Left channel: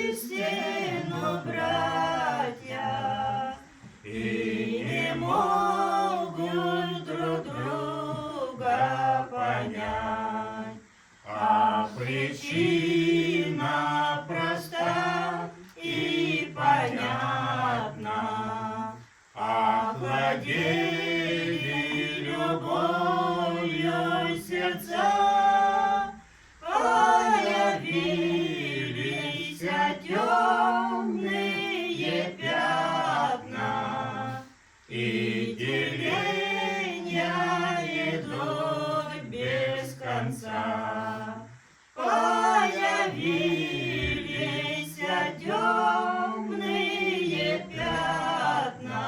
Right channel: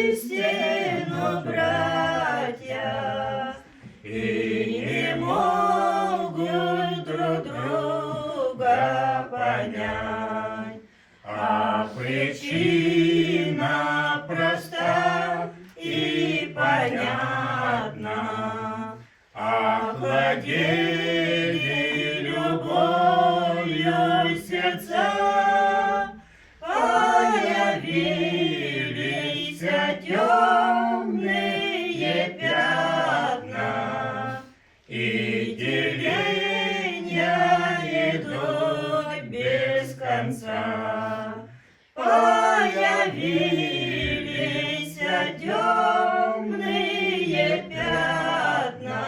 воистину братья, и не могут друг друга понять, а причина проста и понятна. Охладели любовью сердца, появились темные пятна, и деления идут без конца. Появились темные пятна,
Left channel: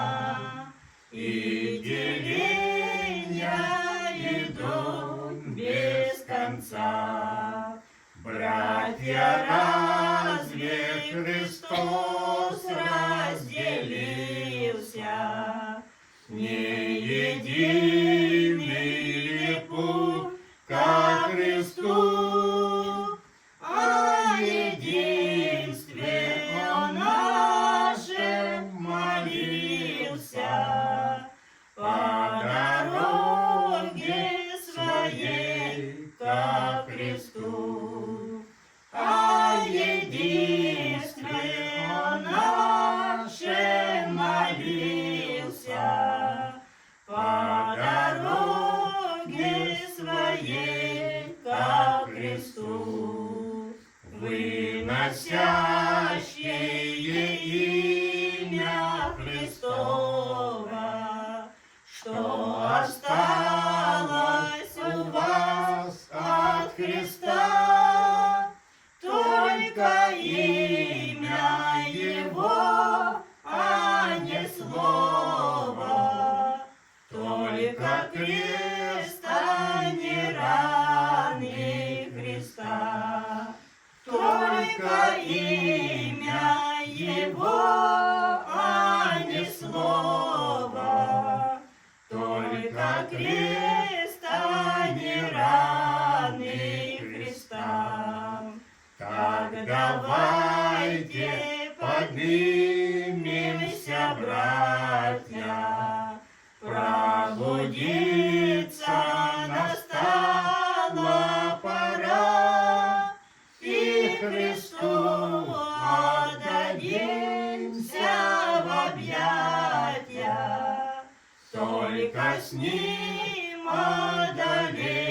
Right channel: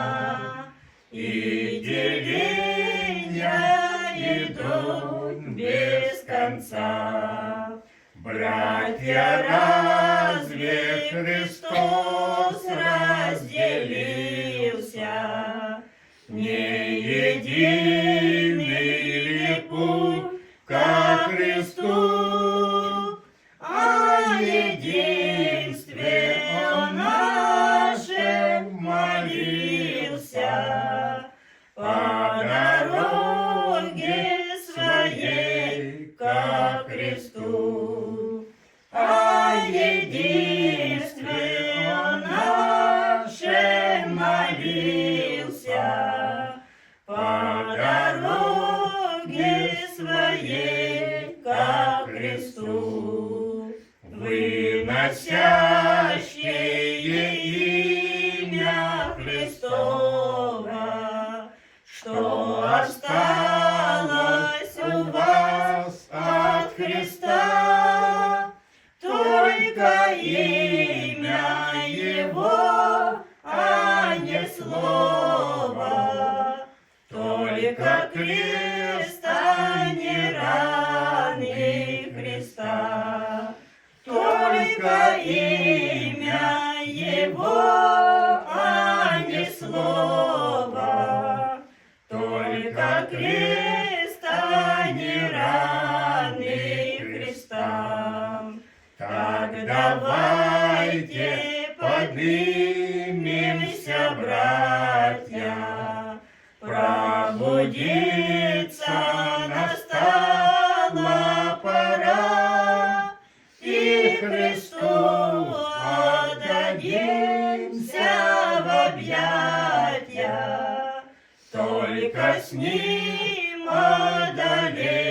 и деления идут без конца. Братья, разве Христос разделился? Не единый ли путь ко Христу, о единстве Он нашем молился по дороге своей ко Христу. О единстве Он нашем молился по дороге своей ко Христу. Выносящие имя Христово, что осталось у вас от Христа, только имя Его, а не слово, только крест, а не раны Христа, только имя Его, а не слово, только крест, а не раны Христа. Так давайте поднимемся, братья, пробудиться настала пора, и Христу отдадимся в объятья, только с Ним одолеем